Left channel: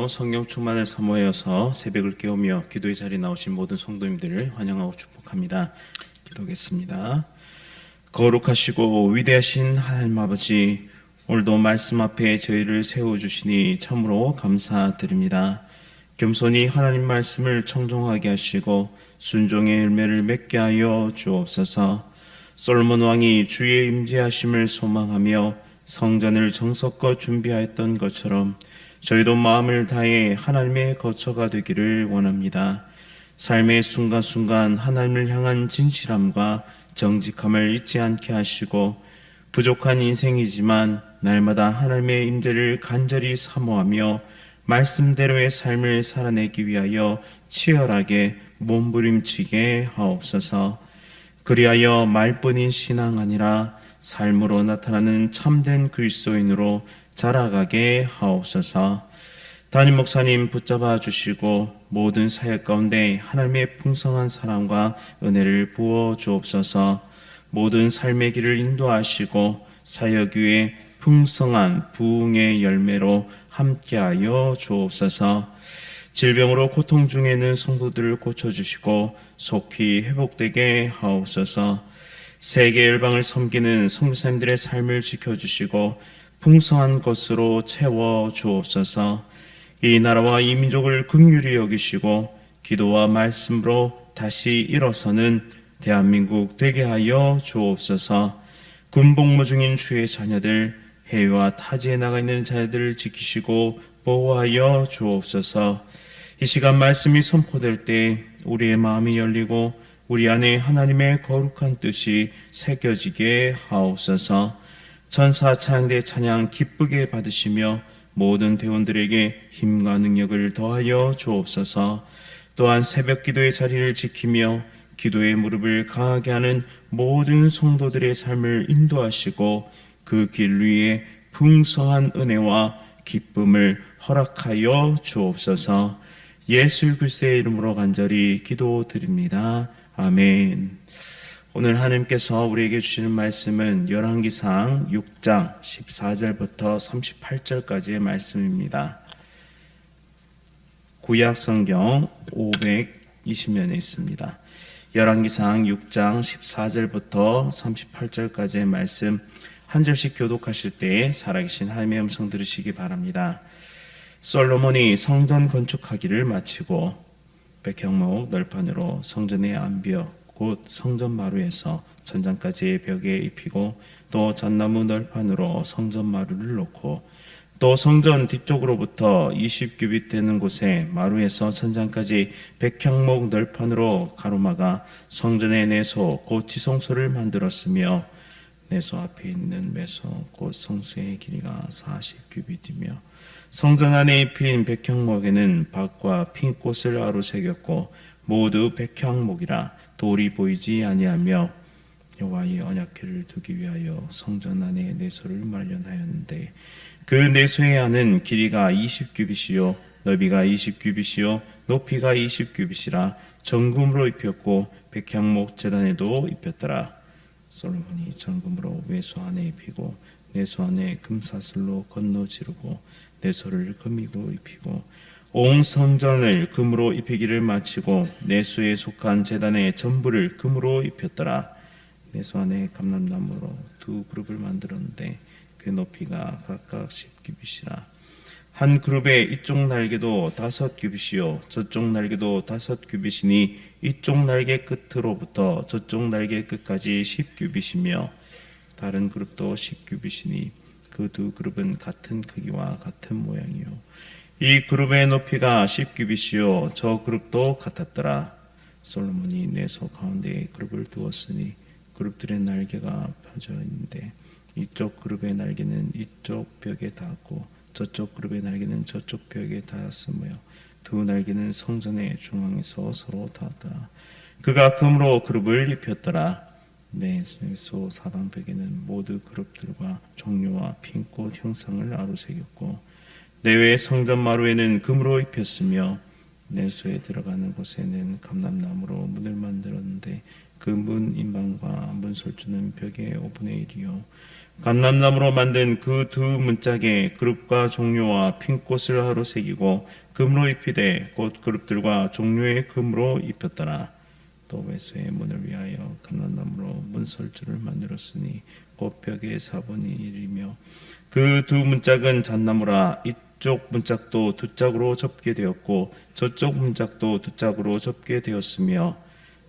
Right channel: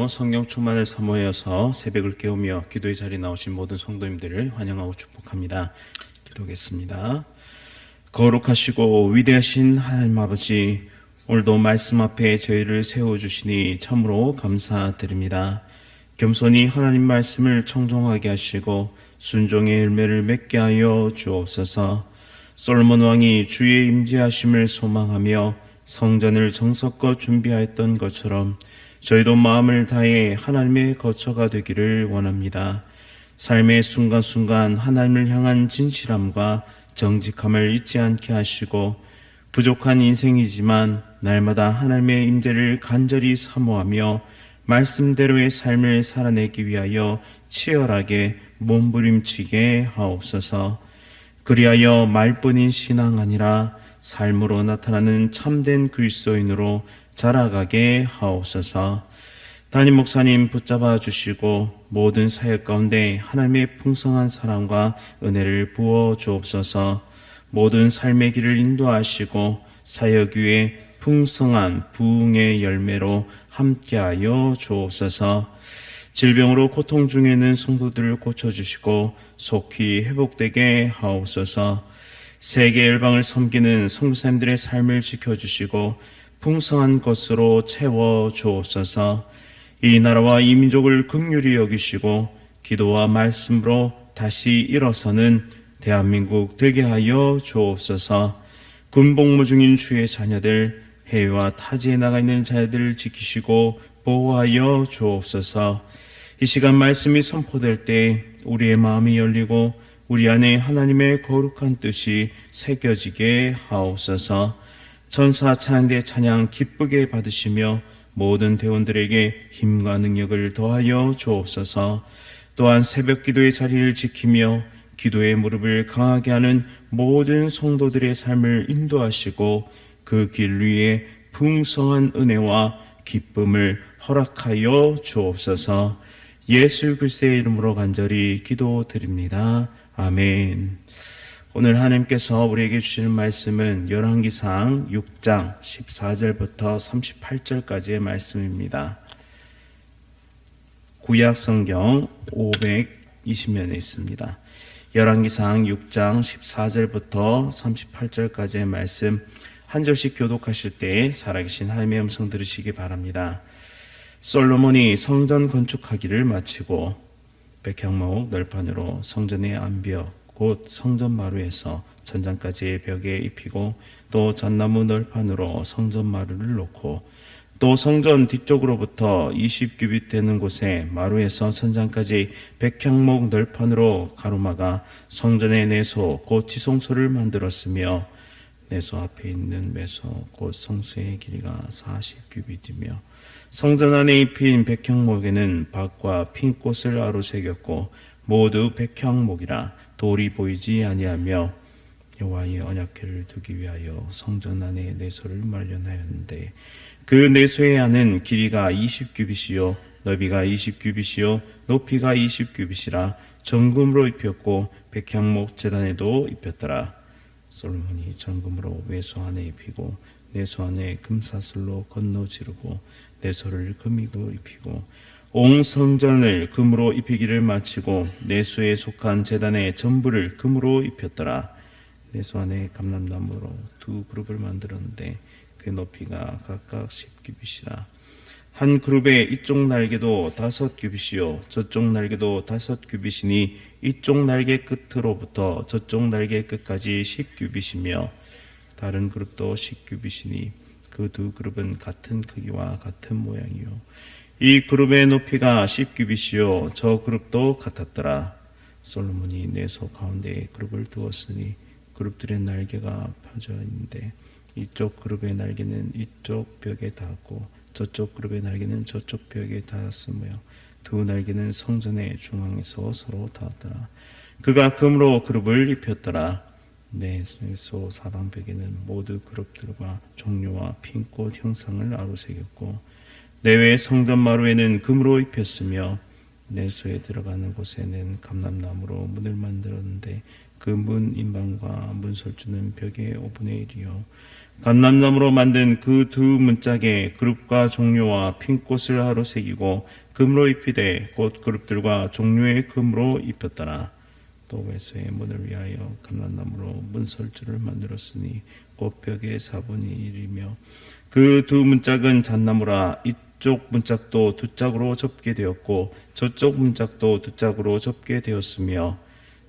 오늘도 성령 충만을 사모하여서 새벽을 깨우며 기도의 자리에 나오신 모든 성도님들을 환영하고 축복합니다. 기도하겠습니다. 거룩하시고 위대하신 하나님 아버지, 오늘도 말씀 앞에 저희를 세워주시니 참으로 감사드립니다. 겸손히 하나님 말씀을 청종하게 하시고 순종의 열매를 맺게 하여 주옵소서. 솔로몬 왕이 주의 임재하심을 소망하며 성전을 정성껏 준비하였던 것처럼 저희도 마음을 다해 하나님의 거처가 되기를 원합니다. 삶의 순간순간 하나님을 향한 진실함과 정직함을 잊지 않게 하시고 부족한 인생이지만 날마다 하나님의 임재를 간절히 사모하며 말씀대로의 삶을 살아내기 위하여 치열하게 몸부림치게 하옵소서. 그리하여 말뿐인 신앙 아니라 삶으로 나타나는 참된 그리스도인으로 자라가게 하옵소서. 담임 목사님 붙잡아 주시고 모든 사역 가운데 하나님의 풍성한 사랑과 은혜를 부어 주옵소서. 모든 삶의 길을 인도하시고 사역 위에 풍성한 부흥의 열매로 함께하여 주옵소서. 질병으로 고통 중에 있는 성도들을 고쳐주시고 속히 회복되게 하옵소서. 세계 열방을 섬기는 선교사님들의 삶을 지켜주시고 풍성한 것으로 채워 주옵소서. 이 나라와 이 민족을 긍휼히 여기시고 기도와 말씀으로 다시 일어서는 대한민국 되게 하여 주옵소서. 군복무 중인 주의 자녀들, 해외와 타지에 나가 있는 자녀들을 지키시고 보호하여 주옵소서. 이 시간 말씀이 선포될 때 우리의 마음이 열리고 우리 안에 하나님의 거룩한 뜻이 새겨지게 하옵소서. 천사 찬양대 찬양 기쁘게 받으시며 모든 대원들에게 힘과 능력을 더하여 주옵소서. 또한 새벽 기도의 자리를 지키며 기도의 무릎을 강하게 하는 모든 성도들의 삶을 인도하시고 그 길 위에 풍성한 은혜와 기쁨을 허락하여 주옵소서. 예수 그리스도의 이름으로 간절히 기도드립니다. 아멘. 오늘 하나님께서 우리에게 주시는 말씀은 열왕기상 6장 14절부터 38절까지의 말씀입니다. 구약 성경 520면에 있습니다. 열왕기상 6장 14절부터 38절까지의 말씀 한 절씩 교독하실 때 살아계신 하나님의 음성 들으시기 바랍니다. 솔로몬이 성전 건축하기를 마치고 백향목 널판으로 성전의 안벽 곧 성전 마루에서 천장까지의 벽에 입히고 또 잣나무 널판으로 성전 마루를 놓고 또 성전 뒤쪽으로부터 20규빗 되는 곳에 마루에서 천장까지 백향목 널판으로 가로막아 성전의 내소 곧 지성소를 만들었으며 내소 앞에 있는 매소 곧 성소의 길이가 40규빗이며 성전 안에 입힌 백향목에는 박과 핀꽃을 아로새겼고 모두 백향목이라 돌이 보이지 아니하며 여호와의 언약궤를 두기 위하여 성전 안에 내소를 마련하였는데 그 내소의 안은 길이가 20규빗이요 너비가 20규빗이요 높이가 20규빗이라 정금으로 입혔고 백향목 제단에도 입혔더라. 솔로몬이 정금으로 외소 안에 입히고 내소 안에 금사슬로 건너 지르고 내소를 금이고 입히고 온 성전을 금으로 입히기를 마치고 내소에 속한 제단의 전부를 금으로 입혔더라. 내소 안에 감람나무로 두 그룹을 만들었는데 그 높이가 각각 10규빗이라. 한 그룹의 이쪽 날개도 5규빗이요 저쪽 날개도 5규빗이니 이쪽 날개 끝으로부터 저쪽 날개 끝까지 10규빗이며 다른 그룹도 10규빗이니 그 두 그룹은 같은 크기와 같은 모양이요 이 그룹의 높이가 10규빗이요 저 그룹도 같았더라. 솔로몬이 내소 가운데에 그룹을 두었으니 그룹들의 날개가 펴져 있는데 이쪽 그룹의 날개는 이쪽 벽에 닿았고 저쪽 그룹의 날개는 저쪽 벽에 닿았으며 두 날개는 성전의 중앙에서 서로 닿았더라. 그가 금으로 그룹을 입혔더라. 내소 사방벽에는 모두 그룹들과 종려와 핀꽃 형상을 아로새겼고 내외 성전 마루에는 금으로 입혔으며 내소에 들어가는 곳에는 감람나무로 문을 만들었는데 그 문 인방과 문설주는 벽의 5분의 1이요 감람나무로 만든 그 두 문짝에 그룹과 종료와 핀꽃을 하루 새기고 금으로 입히되 곧 그룹들과 종료의 금으로 입혔더라. 또 외소의 문을 위하여 감람나무로 문설주를 만들었으니 곧 벽의 4분의 1이며 그 두 문짝은 잣나무라. 이쪽 문짝도 두 짝으로 접게 되었고 저쪽 문짝도 두 짝으로 접게 되었으며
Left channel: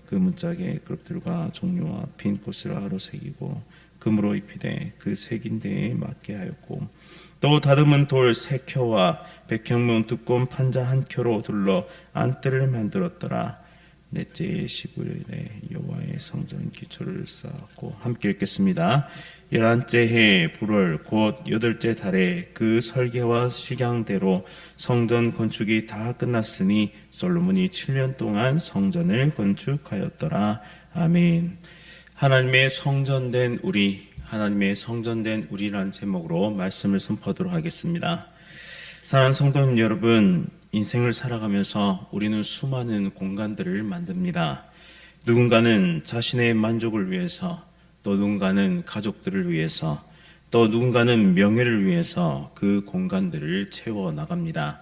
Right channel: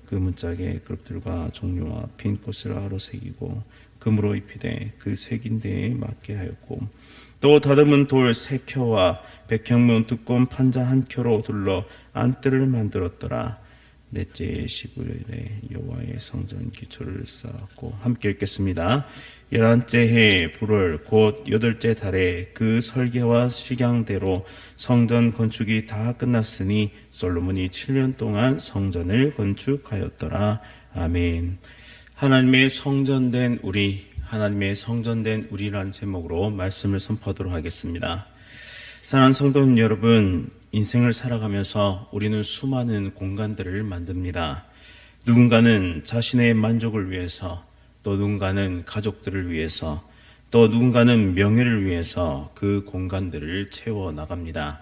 그 문짝에 그룹들과 종료와 핀 꽃을 하루 새기고 금으로 입히되 그 새긴 데에 맞게 하였고 또 다듬은 돌 3켜와 백향문 두꺼운 판자 1켜로 둘러 안뜰을 만들었더라. 넷째 15일에 여호와의 성전 기초를 쌓았고 함께 읽겠습니다. 11째 해 불월 곧 8째 달에 그 설계와 식양대로 성전 건축이 다 끝났으니 솔로몬이 7년 동안 성전을 건축하였더라. 아멘. 하나님의 성전된 우리, 하나님의 성전된 우리라는 제목으로 말씀을 선포하도록 하겠습니다. 사랑하는 성도님 여러분, 인생을 살아가면서 우리는 수많은 공간들을 만듭니다. 누군가는 자신의 만족을 위해서, 또 누군가는 가족들을 위해서, 또 누군가는 명예를 위해서 그 공간들을 채워 나갑니다.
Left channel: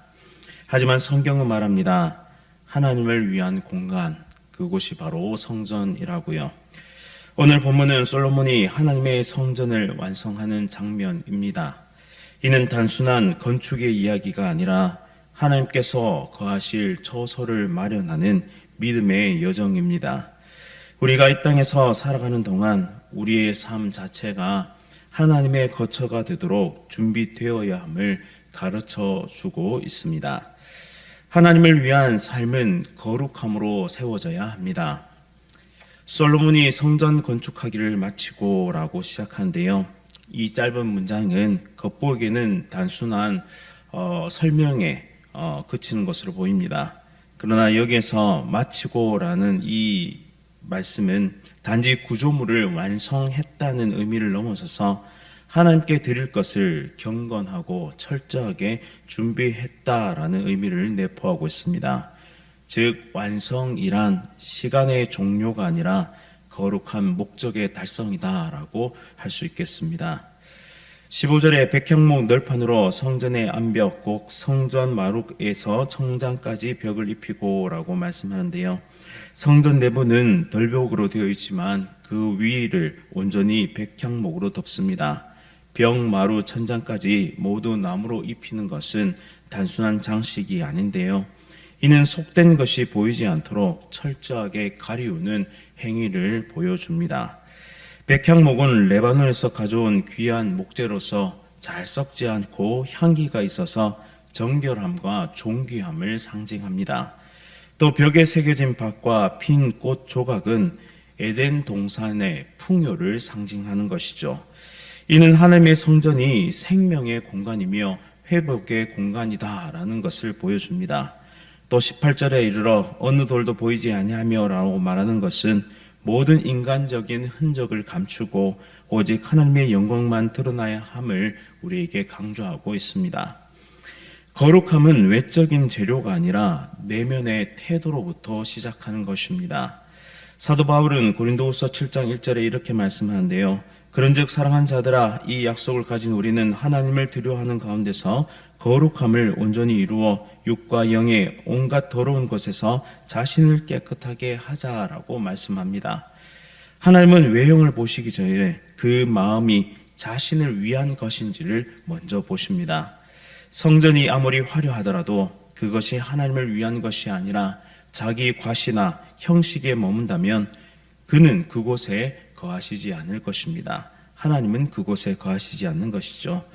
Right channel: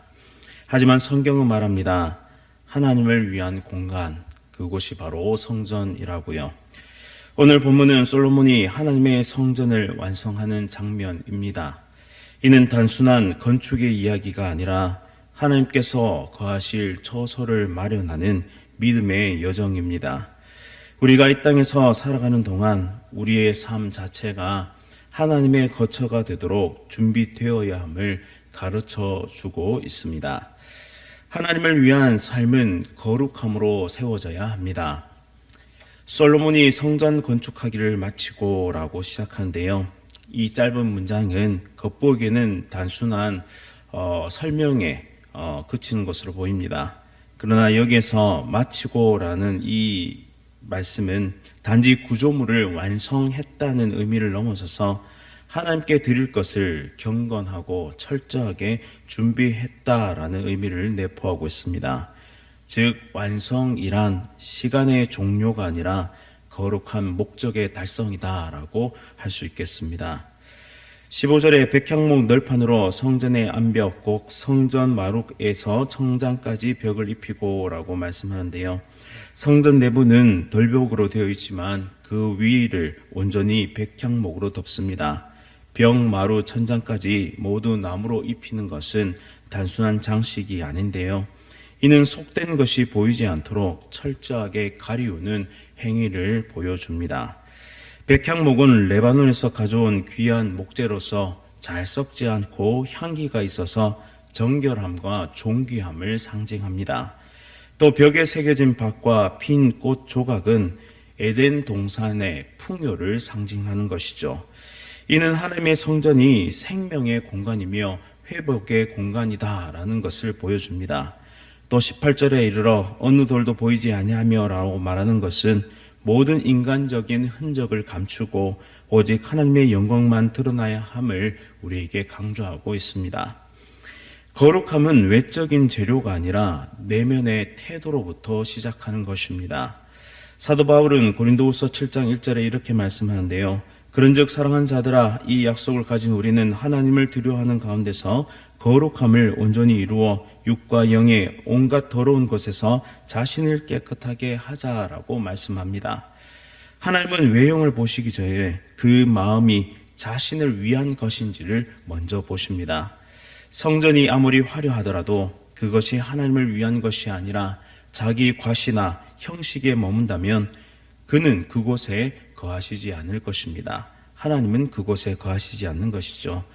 하지만 성경은 말합니다. 하나님을 위한 공간, 그곳이 바로 성전이라고요. 오늘 본문은 솔로몬이 하나님의 성전을 완성하는 장면입니다. 이는 단순한 건축의 이야기가 아니라 하나님께서 거하실 처소를 마련하는 믿음의 여정입니다. 우리가 이 땅에서 살아가는 동안 우리의 삶 자체가 하나님의 거처가 되도록 준비되어야 함을 가르쳐 주고 있습니다. 하나님을 위한 삶은 거룩함으로 세워져야 합니다. 솔로몬이 성전 건축하기를 마치고 라고 시작하는데요. 이 짧은 문장은 겉보기에는 단순한 설명에 그치는 것으로 보입니다. 그러나 여기에서 마치고라는 이 말씀은 단지 구조물을 완성했다는 의미를 넘어서서 하나님께 드릴 것을 경건하고 철저하게 준비했다라는 의미를 내포하고 있습니다. 즉 완성이란 시간의 종료가 아니라 거룩한 목적의 달성이다라고 할 수 있겠습니다. 15절에 백향목 널판으로 성전의 암벽 곧 성전 마루에서 청장까지 벽을 입히고 라고 말씀하는데요. 성전 내부는 돌벽으로 되어 있지만 그 위를 온전히 백향목으로 덮습니다. 벽, 마루, 천장까지 모두 나무로 입히는 것은 단순한 장식이 아닌데요. 이는 속된 것이 보이지 않도록 철저하게 가리우는 행위를 보여줍니다. 백향목은 레바논에서 가져온 귀한 목재로서 잘 썩지 않고 향기가 있어서 정결함과 존귀함을 상징합니다. 또 벽에 새겨진 밭과 핀 꽃 조각은 에덴 동산의 풍요를 상징하는 것이죠. 이는 하나님의 성전이 생명의 공간이며 회복의 공간이다라는 것을 보여줍니다. 또 18절에 이르러 어느 돌도 보이지 아니하며 라고 말하는 것은 모든 인간적인 흔적을 감추고 오직 하나님의 영광만 드러나야 함을 우리에게 강조하고 있습니다. 거룩함은 외적인 재료가 아니라 내면의 태도로부터 시작하는 것입니다. 사도 바울은 고린도후서 7장 1절에 이렇게 말씀하는데요. 그런즉 사랑한 자들아 이 약속을 가진 우리는 하나님을 두려워하는 가운데서 거룩함을 온전히 이루어 육과 영의 온갖 더러운 것에서 자신을 깨끗하게 하자라고 말씀합니다. 하나님은 외형을 보시기 전에 그 마음이 자신을 위한 것인지를 먼저 보십니다. 성전이 아무리 화려하더라도 그것이 하나님을 위한 것이 아니라 자기 과시나 형식에 머문다면 그는 그곳에 거하시지 않을 것입니다. 하나님은 그곳에 거하시지 않는 것이죠.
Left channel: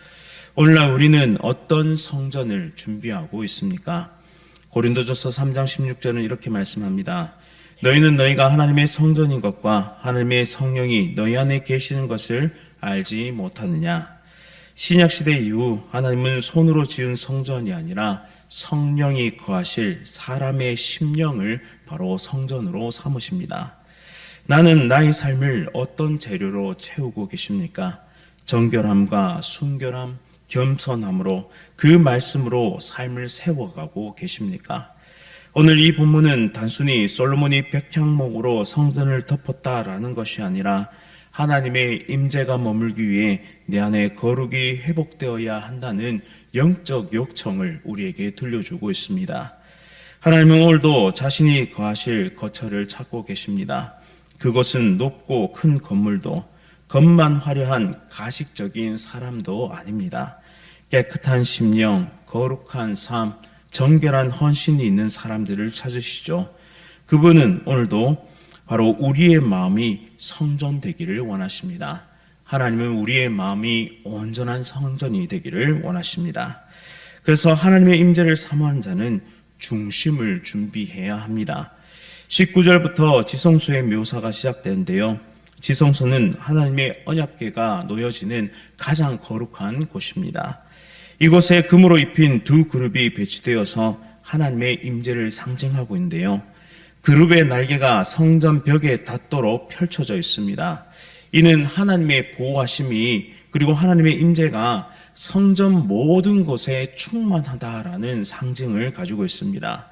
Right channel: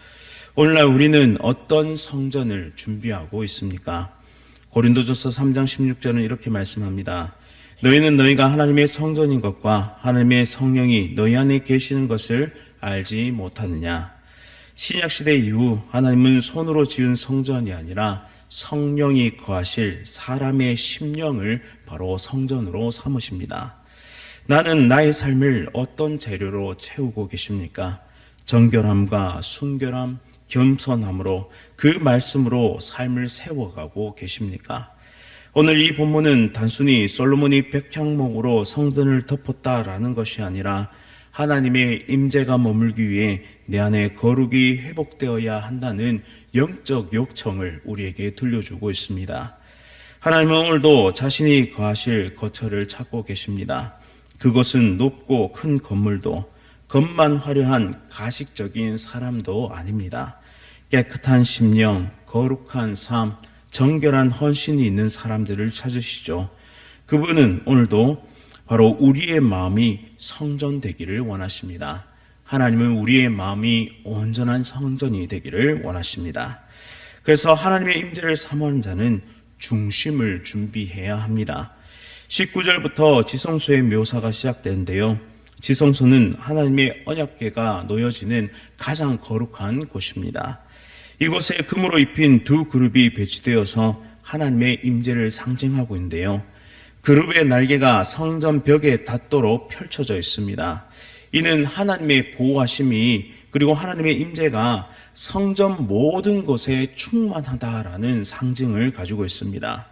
오늘날 우리는 어떤 성전을 준비하고 있습니까? 고린도전서 3장 16절은 이렇게 말씀합니다. 너희는 너희가 하나님의 성전인 것과 하나님의 성령이 너희 안에 계시는 것을 알지 못하느냐? 신약시대 이후 하나님은 손으로 지은 성전이 아니라 성령이 거하실 사람의 심령을 바로 성전으로 삼으십니다. 나는 나의 삶을 어떤 재료로 채우고 계십니까? 정결함과 순결함, 겸손함으로 그 말씀으로 삶을 세워가고 계십니까? 오늘 이 본문은 단순히 솔로몬이 백향목으로 성전을 덮었다라는 것이 아니라 하나님의 임재가 머물기 위해 내 안에 거룩이 회복되어야 한다는 영적 요청을 우리에게 들려주고 있습니다. 하나님은 오늘도 자신이 거하실 거처를 찾고 계십니다. 그것은 높고 큰 건물도 겉만 화려한 가식적인 사람도 아닙니다. 깨끗한 심령, 거룩한 삶, 정결한 헌신이 있는 사람들을 찾으시죠. 그분은 오늘도 바로 우리의 마음이 성전되기를 원하십니다. 하나님은 우리의 마음이 온전한 성전이 되기를 원하십니다. 그래서 하나님의 임재를 사모하는 자는 중심을 준비해야 합니다. 19절부터 지성소의 묘사가 시작되는데요. 지성소는 하나님의 언약궤가 놓여지는 가장 거룩한 곳입니다. 이곳에 금으로 입힌 두 그룹이 배치되어서 하나님의 임재를 상징하고 있는데요. 그룹의 날개가 성전 벽에 닿도록 펼쳐져 있습니다. 이는 하나님의 보호하심이 그리고 하나님의 임재가 성전 모든 곳에 충만하다라는 상징을 가지고 있습니다.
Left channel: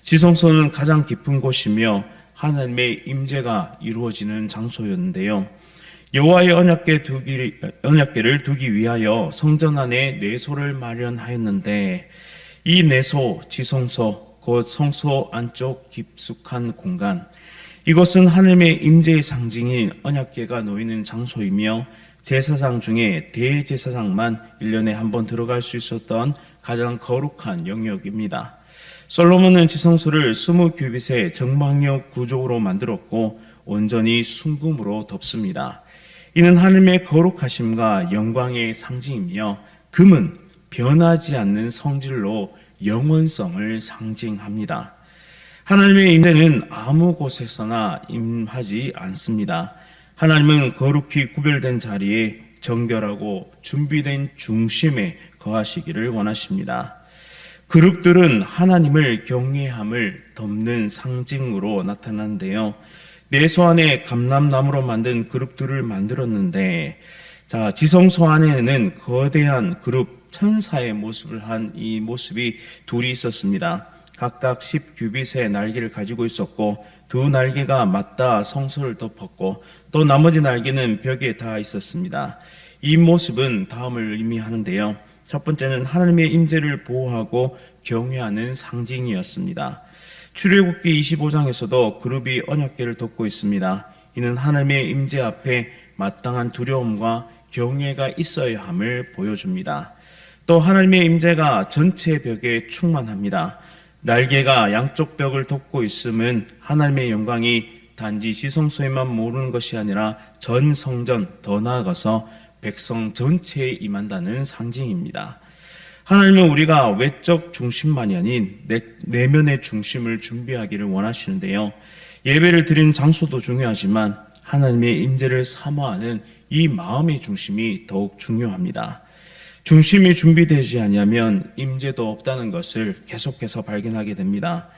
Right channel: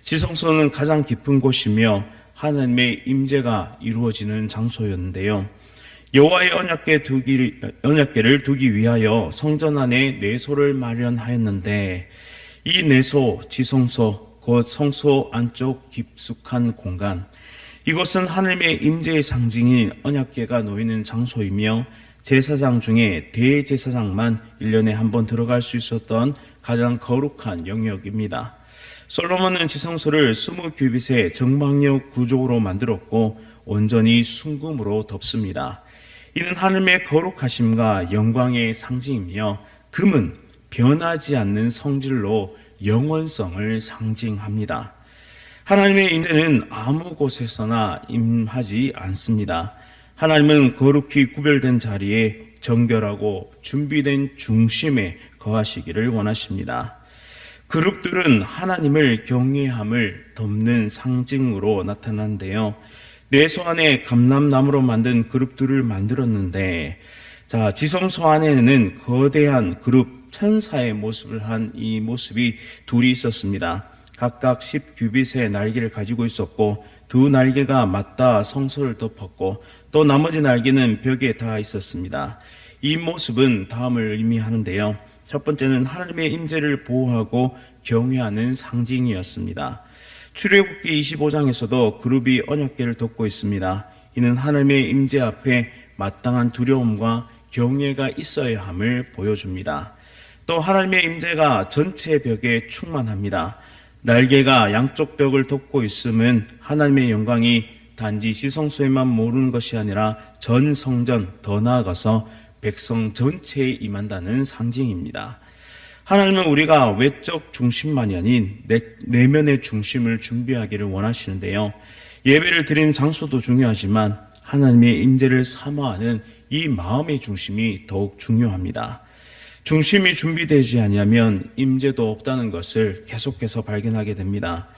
지성소는 가장 깊은 곳이며 하나님의 임재가 이루어지는 장소였는데요. 여호와의 언약궤를 두기 위하여 성전 안에 내소를 마련하였는데 이 내소, 지성소, 곧 성소 안쪽 깊숙한 공간, 이것은 하나님의 임재의 상징인 언약궤가 놓이는 장소이며 제사장 중에 대제사장만 1년에 한 번 들어갈 수 있었던 가장 거룩한 영역입니다. 솔로몬은 지성소를 20규빗의 정방역 구조로 만들었고 온전히 순금으로 덮습니다. 이는 하나님의 거룩하심과 영광의 상징이며 금은 변하지 않는 성질로 영원성을 상징합니다. 하나님의 임재는 아무 곳에서나 임하지 않습니다. 하나님은 거룩히 구별된 자리에 정결하고 준비된 중심에 거하시기를 원하십니다. 그룹들은 하나님을 경외함을 덮는 상징으로 나타나는데요. 내소 안에 감람나무로 만든 그룹들을 만들었는데, 지성소 안에는 거대한 그룹 천사의 모습을 한 이 모습이 둘이 있었습니다. 각각 10규빗의 날개를 가지고 있었고 두 날개가 맞닿아 성소를 덮었고 또 나머지 날개는 벽에 닿아 있었습니다. 이 모습은 다음을 의미하는데요. 첫 번째는 하나님의 임재를 보호하고 경외하는 상징이었습니다. 출애굽기 25장에서도 그룹이 언약궤를 덮고 있습니다. 이는 하나님의 임재 앞에 마땅한 두려움과 경외가 있어야 함을 보여줍니다. 또 하나님의 임재가 전체 벽에 충만합니다. 날개가 양쪽 벽을 덮고 있음은 하나님의 영광이 단지 지성소에만 모르는 것이 아니라 전 성전, 더 나아가서 백성 전체에 임한다는 상징입니다. 하나님은 우리가 외적 중심만이 아닌 내면의 중심을 준비하기를 원하시는데요. 예배를 드리는 장소도 중요하지만 하나님의 임재를 사모하는 이 마음의 중심이 더욱 중요합니다. 중심이 준비되지 아니하면 임재도 없다는 것을 계속해서 발견하게 됩니다.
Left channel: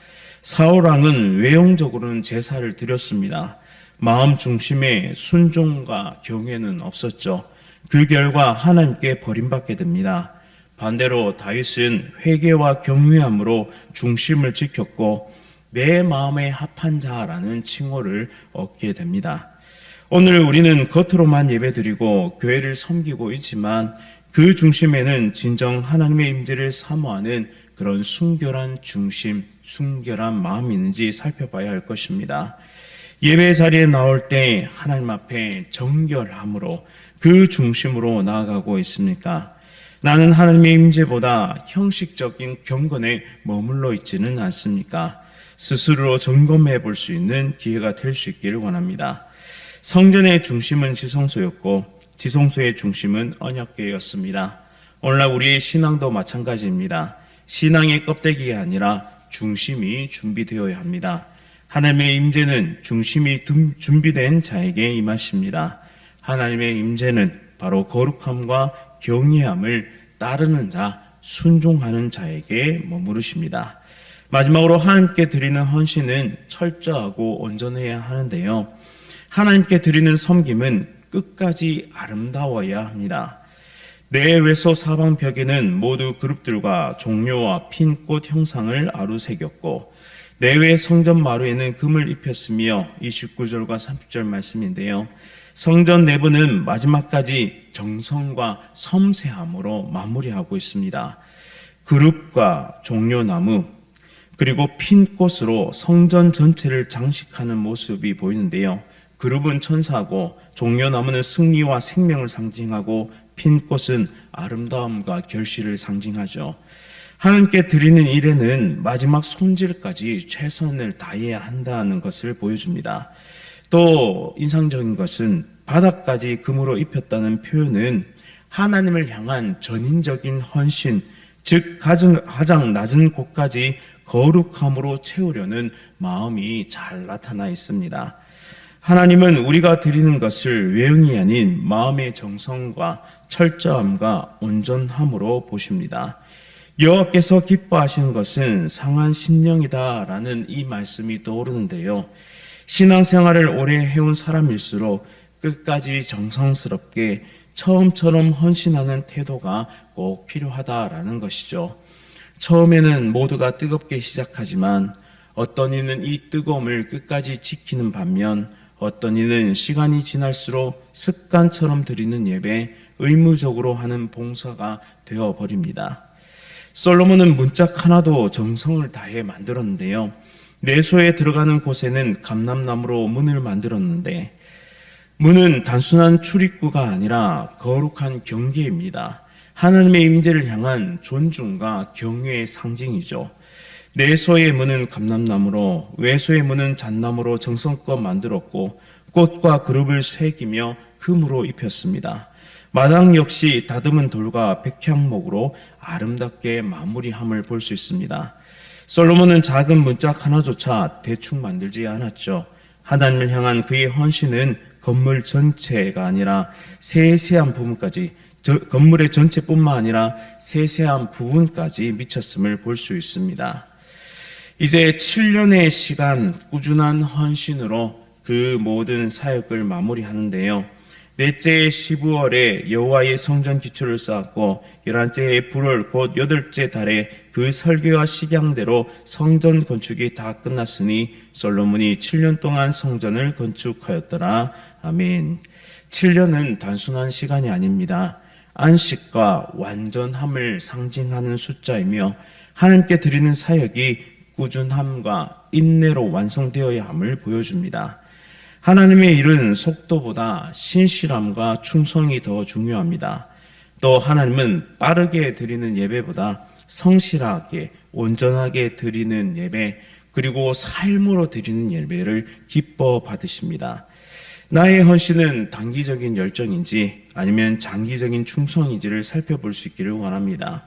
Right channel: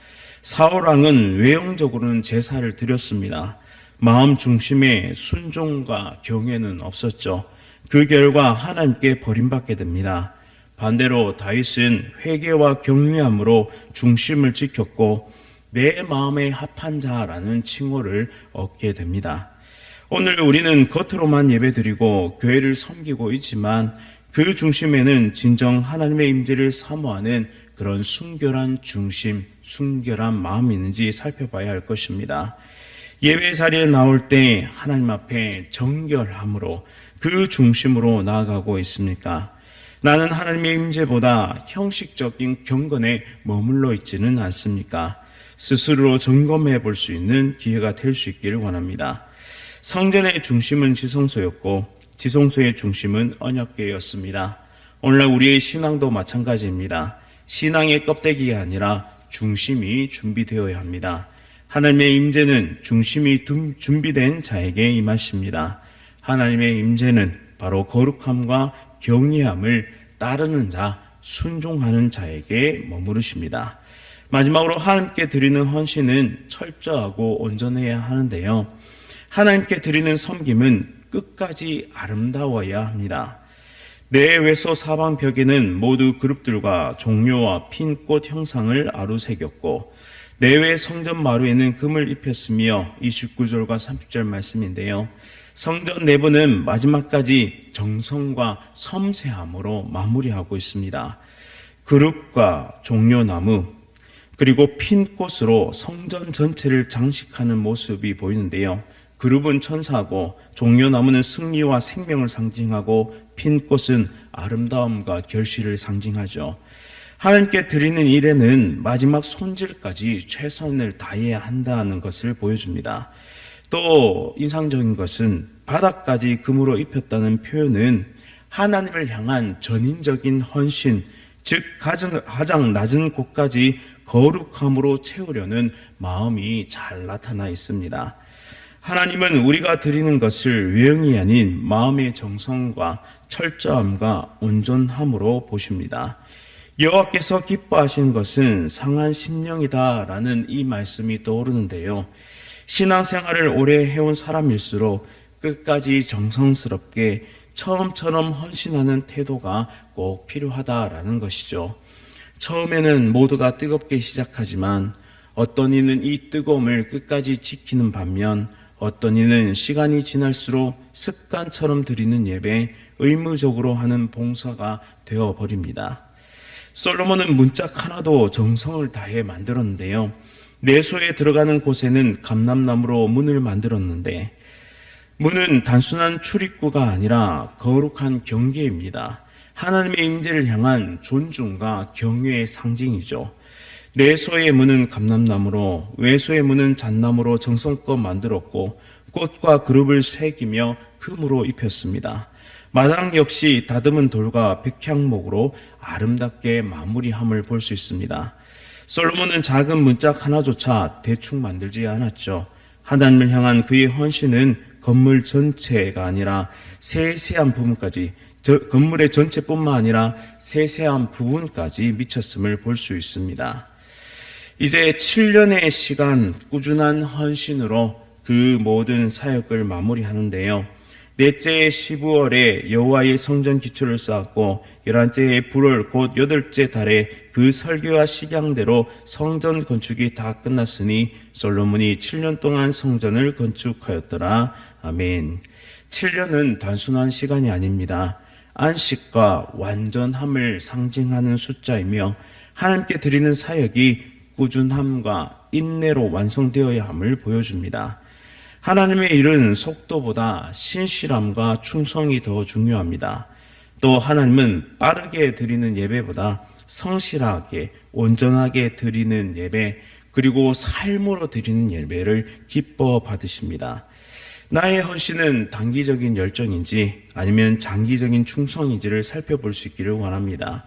사울 왕은 외형적으로는 제사를 드렸습니다. 마음 중심에 순종과 경외는 없었죠. 그 결과 하나님께 버림받게 됩니다. 반대로 다윗은 회개와 경외함으로 중심을 지켰고 내 마음에 합한 자라는 칭호를 얻게 됩니다. 오늘 우리는 겉으로만 예배드리고 교회를 섬기고 있지만 그 중심에는 진정 하나님의 임재를 사모하는 그런 순결한 중심, 순결한 마음이 있는지 살펴봐야 할 것입니다. 예배 자리에 나올 때 하나님 앞에 정결함으로 그 중심으로 나아가고 있습니까? 나는 하나님의 임재보다 형식적인 경건에 머물러 있지는 않습니까? 스스로 점검해 볼 수 있는 기회가 될 수 있기를 원합니다. 성전의 중심은 지성소였고 지성소의 중심은 언약궤였습니다. 오늘날 우리의 신앙도 마찬가지입니다. 신앙의 껍데기가 아니라 중심이 준비되어야 합니다. 하나님의 임재는 중심이 준비된 자에게 임하십니다. 하나님의 임재는 바로 거룩함과 경외함을 따르는 자, 순종하는 자에게 머무르십니다. 마지막으로 하나님께 드리는 헌신은 철저하고 온전해야 하는데요. 하나님께 드리는 섬김은 끝까지 아름다워야 합니다. 내 외소 사방 벽에는 모두 그룹들과 종려와 핀 꽃 형상을 아루새겼고 내외 성전 마루에는 금을 입혔으며 29절과 30절 말씀인데요. 성전 내부는 마지막까지 정성과 섬세함으로 마무리하고 있습니다. 그룹과 종려나무 그리고 핀 꽃으로 성전 전체를 장식하는 모습이 보이는데요. 그룹은 천사고 종려나무는 승리와 생명을 상징하고 핀 꽃은 아름다움과 결실을 상징하죠. 하나님께 드리는 일에는 마지막 손질까지 최선을 다해야 한다는 것을 보여줍니다. 또 인상적인 것은 바닥까지 금으로 입혔다는 표현은 하나님을 향한 전인적인 헌신, 즉 가장 낮은 곳까지 거룩함으로 채우려는 마음이 잘 나타나 있습니다. 하나님은 우리가 드리는 것을 외형이 아닌 마음의 정성과 철저함과 온전함으로 보십니다. 여호와께서 기뻐하시는 것은 상한 심령이다라는 이 말씀이 떠오르는데요. 신앙생활을 오래 해온 사람일수록 끝까지 정성스럽게 처음처럼 헌신하는 태도가 꼭 필요하다라는 것이죠. 처음에는 모두가 뜨겁게 시작하지만 어떤 이는 이 뜨거움을 끝까지 지키는 반면 어떤 이는 시간이 지날수록 습관처럼 드리는 예배, 의무적으로 하는 봉사가 되어버립니다. 솔로몬은 문짝 하나도 정성을 다해 만들었는데요. 내소에 들어가는 곳에는 감람나무로 문을 만들었는데 문은 단순한 출입구가 아니라 거룩한 경계입니다. 하나님의 임재를 향한 존중과 경외의 상징이죠. 내소의 문은 감람나무로 외소의 문은 잣나무로 정성껏 만들었고 꽃과 그룹을 새기며 금으로 입혔습니다. 마당 역시 다듬은 돌과 백향목으로 아름답게 마무리함을 볼 수 있습니다. 솔로몬은 작은 문짝 하나조차 대충 만들지 않았죠. 하나님을 향한 그의 헌신은 건물 전체가 아니라 세세한 부분까지, 건물의 전체뿐만 아니라 세세한 부분까지 미쳤음을 볼 수 있습니다. 이제 7년의 시간 꾸준한 헌신으로 그 모든 사역을 마무리하는데요. 넷째 12월에 여호와의 성전 기초를 쌓았고 11째의 불월 곧 8째 달에 그 설계와 식양대로 성전 건축이 다 끝났으니 솔로몬이 7년 동안 성전을 건축하였더라. 아멘. 7년은 단순한 시간이 아닙니다. 안식과 완전함을 상징하는 숫자이며 하나님께 드리는 사역이 꾸준함과 인내로 완성되어야 함을 보여줍니다. 하나님의 일은 속도보다 신실함과 충성이 더 중요합니다. 또 하나님은 빠르게 드리는 예배보다 성실하게 온전하게 드리는 예배 그리고 삶으로 드리는 예배를 기뻐 받으십니다. 나의 헌신은 단기적인 열정인지 아니면 장기적인 충성인지를 살펴볼 수 있기를 원합니다.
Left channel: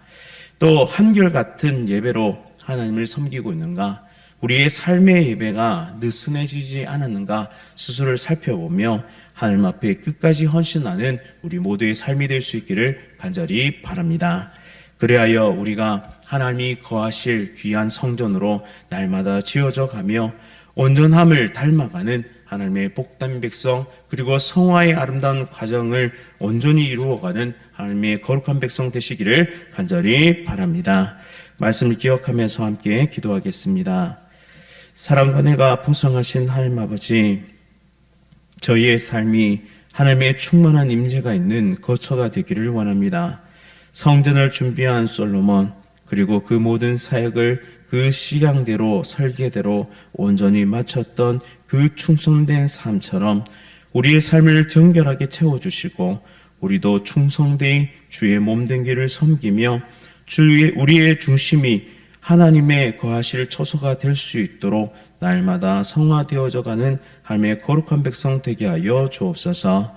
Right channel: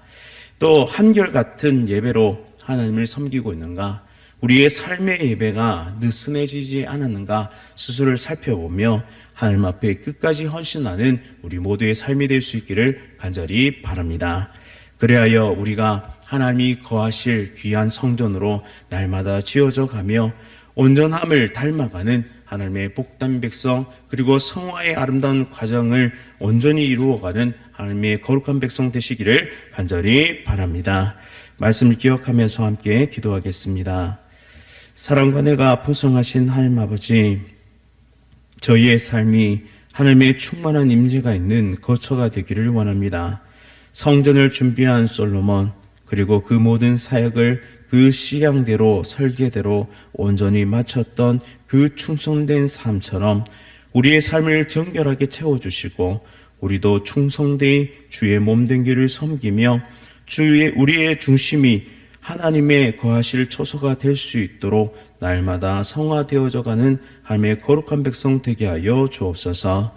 또 한결같은 예배로 하나님을 섬기고 있는가, 우리의 삶의 예배가 느슨해지지 않았는가 스스로를 살펴보며 하나님 앞에 끝까지 헌신하는 우리 모두의 삶이 될 수 있기를 간절히 바랍니다. 그리하여 우리가 하나님이 거하실 귀한 성전으로 날마다 지어져 가며 온전함을 닮아가는 하나님의 복된 백성 그리고 성화의 아름다운 과정을 온전히 이루어가는 하나님의 거룩한 백성 되시기를 간절히 바랍니다. 말씀을 기억하면서 함께 기도하겠습니다. 사랑과 은혜가 풍성하신 하나님 아버지, 저희의 삶이 하나님의 충만한 임재가 있는 거처가 되기를 원합니다. 성전을 준비한 솔로몬 그리고 그 모든 사역을 그 식양대로 설계대로 온전히 마쳤던 그 충성된 삶처럼 우리의 삶을 정결하게 채워주시고 우리도 충성되이 주의 몸된 길을 섬기며 우리의 중심이 하나님의 거하실 처소가 될 수 있도록 날마다 성화되어져 가는 하나님의 거룩한 백성 되게 하여 주옵소서.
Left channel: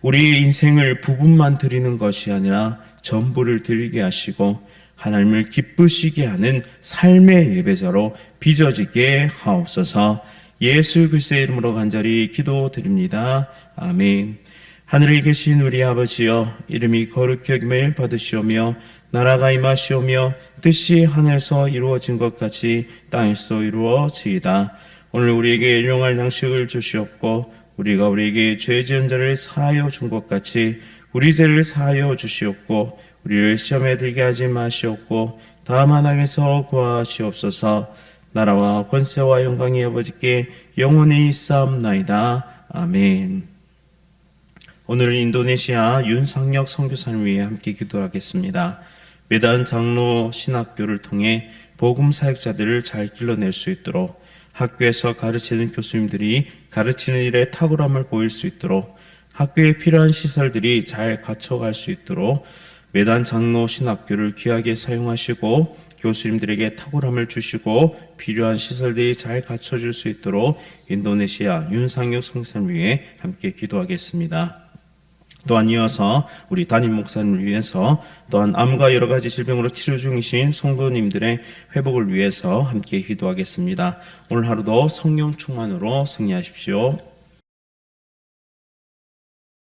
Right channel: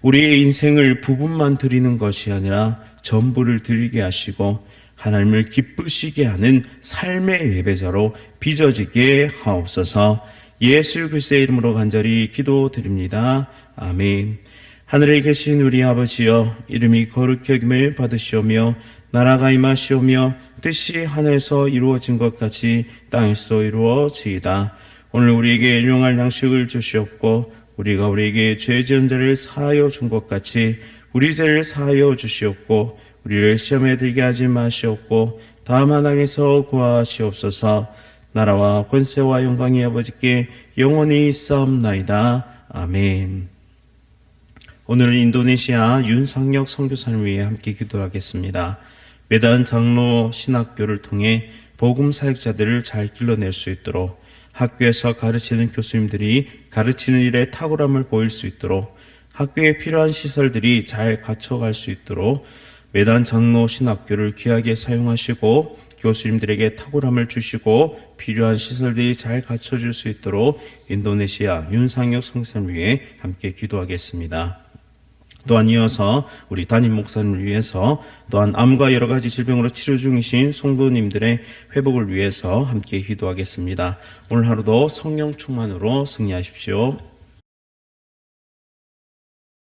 우리의 인생을 부분만 드리는 것이 아니라 전부를 드리게 하시고 하나님을 기쁘시게 하는 삶의 예배자로 빚어지게 하옵소서. 예수 그리스도의 이름으로 간절히 기도드립니다. 아멘. 하늘에 계신 우리 아버지여, 이름이 거룩히 여김을 받으시오며 나라가 임하시오며 뜻이 하늘에서 이루어진 것 같이 땅에서 이루어지이다. 오늘 우리에게 일용할 양식을 주시옵고 우리가 우리에게 죄 지은 자를 사하여 준 것 같이 우리 죄를 사하여 주시옵고 우리를 시험에 들게 하지 마시옵고 다만 악에서 구하시옵소서. 나라와 권세와 영광이 아버지께 영원히 있사옵나이다. 아멘. 오늘은 인도네시아 윤상혁 선교사를 위해 함께 기도하겠습니다. 메단 장로 신학교를 통해 복음 사역자들을 잘 길러낼 수 있도록, 학교에서 가르치는 교수님들이 가르치는 일에 탁월함을 보일 수 있도록, 학교에 필요한 시설들이 잘 갖춰갈 수 있도록 메단 장로 신학교를 귀하게 사용하시고 교수님들에게 탁월함을 주시고 필요한 시설들이 잘 갖춰질 수 있도록 인도네시아 윤상혁 선교사를 위해 함께 기도하겠습니다. 또한 이어서 우리 담임 목사님을 위해서, 또한 암과 여러 가지 질병으로 치료 중이신 성도님들의 회복을 위해서 함께 기도하겠습니다. 오늘 하루도 성령 충만으로 승리하십시오.